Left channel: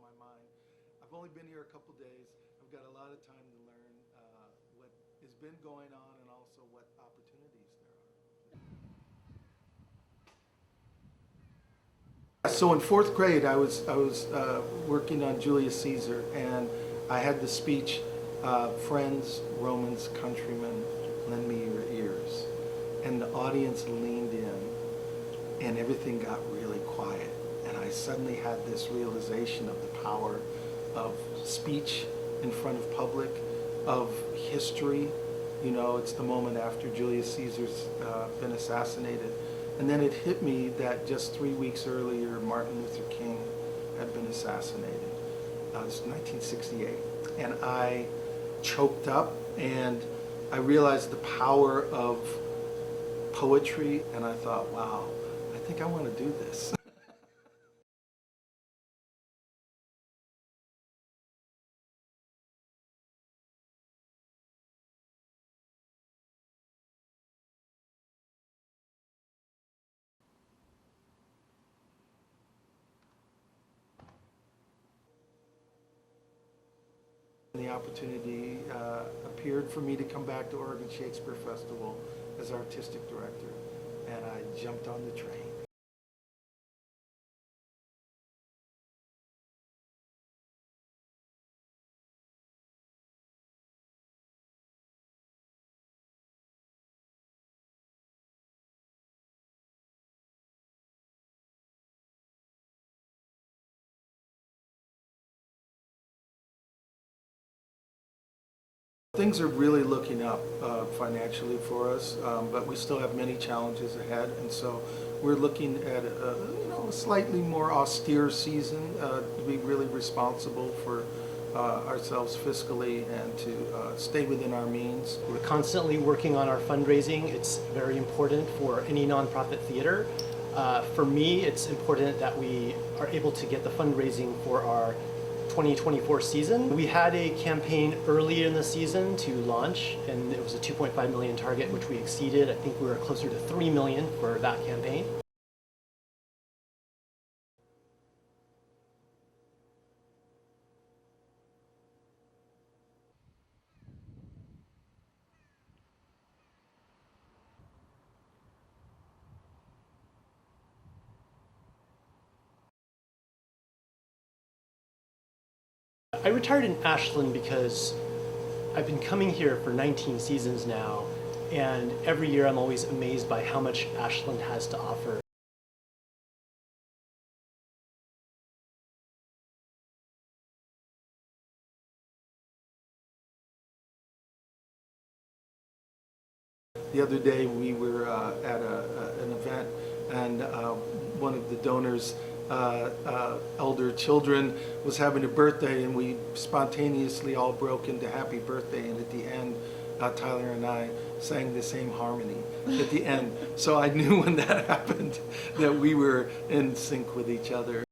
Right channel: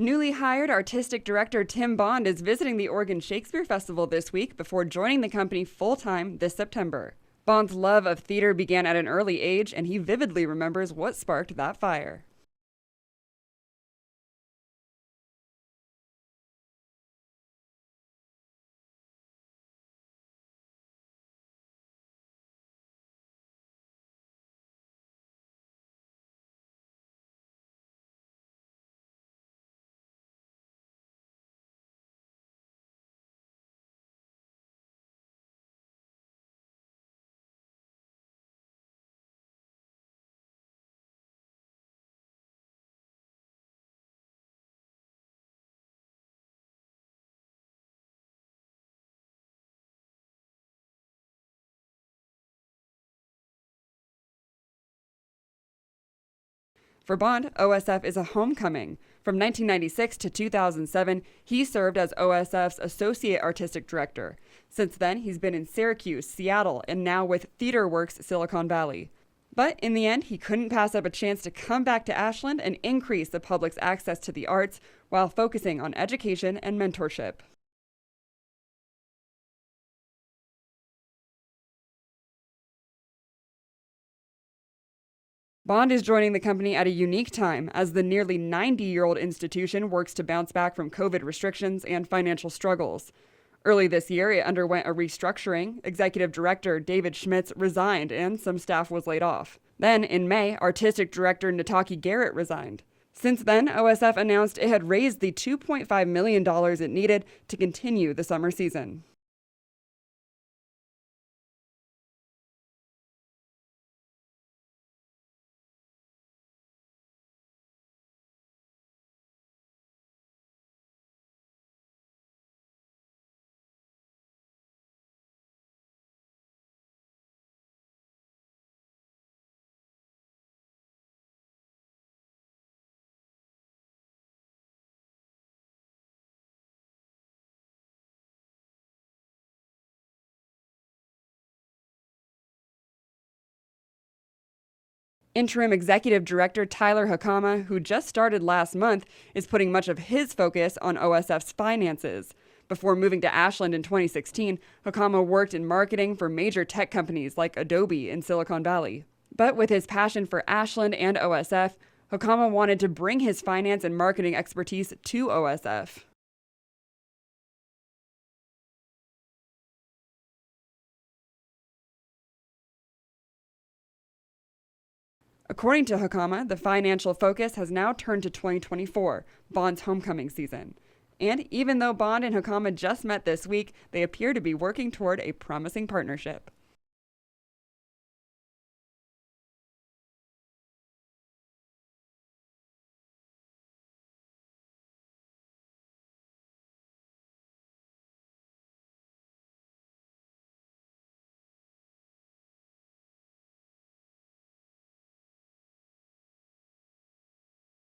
Newly hired artistic director Tim Bond is visiting the Oregon Shakespeare Festival this week before joining the company full-time this September. Bond's love of theater began at an early age, and he vividly remembers what sparked that fire. So in fourth grade, I was working on Julius Caesar, and I had the speech, "Friends, Romans, countrymen, lend me your ears." And the audience leaned in, and everything got really quiet. And I suddenly had this realization of the power of speech in front of public, of history. You know, it's the moment after Julius Caesar's been assassinated. And then it hit me that just 3 weeks earlier, Martin Luther King had been assassinated. It was 1968. And I choked up, and I realized the power of poetry, and I thought, wow, I think I want to do this. For Bond, OSF is a homecoming. From 1996 to 2007, he served as OSF's Associate Artistic Director. Since then, he's been in Syracuse, Seattle, and now with TheaterWorks Silicon Valley. But in the end, he couldn't pass up a chance to come back to Ashland and increase the public's access to the arts while focusing on education and mentorship. The opportunity appeared for me to come back to Oregon Shakespeare Festival as artistic director, and I jumped on the train. Bond is joining the company at a unique time as the nearly 90-year-old institution works to bounce back from COVID restrictions and financial struggles. Early this year, it underwent a restructuring. Executive director David Schmitz resigned and some staff was laid off. Then, in May, artistic director Nataki Garrett resigned. Since then, OSF announced it had raised the $2.5 million it needed to continue the summer season. Things are really looking up financially for us, but we still have many challenges ahead, and so we're looking at a slightly more austere season to be really responsible for ourselves fiscally and to stay within our means. We're constantly working on our fundraising. It's very important for any nonprofit theater. For me, it's important that we are able to get the fundraising for our 2024 season. We had a campaign early in the season to launch, and it was a $2.5 million target, which we exceeded. I think we were closer to $3 million for that campaign. Interim Executive Director Tyler Hakama, who just started last month, is putting much of his focus on OSF's finances. Before moving to Ashland in 2016, Hakama worked in marketing for major tech companies like Adobe in Silicon Valley. But with his passion for Ashland and OSF, Hakama wanted to bring his finance and marketing expertise to OSF. I retired in Ashland because I've been coming here for 19 seasons now, and every year I'm always amazed by how much Ashland has to offer. According to Hakama, the financial focus has now turned to 2024, Bond's homecoming season. And even though Bond and Hakama just met this week, they appear to be working toward a promising partnership. The other day we were at an event, and one of the donors' elder children was having a birthday, and we spontaneously all broke into happy birthday, and at the end Tyler and I sang the same harmony at the end. So I knew when that happened that we were in sync with each other.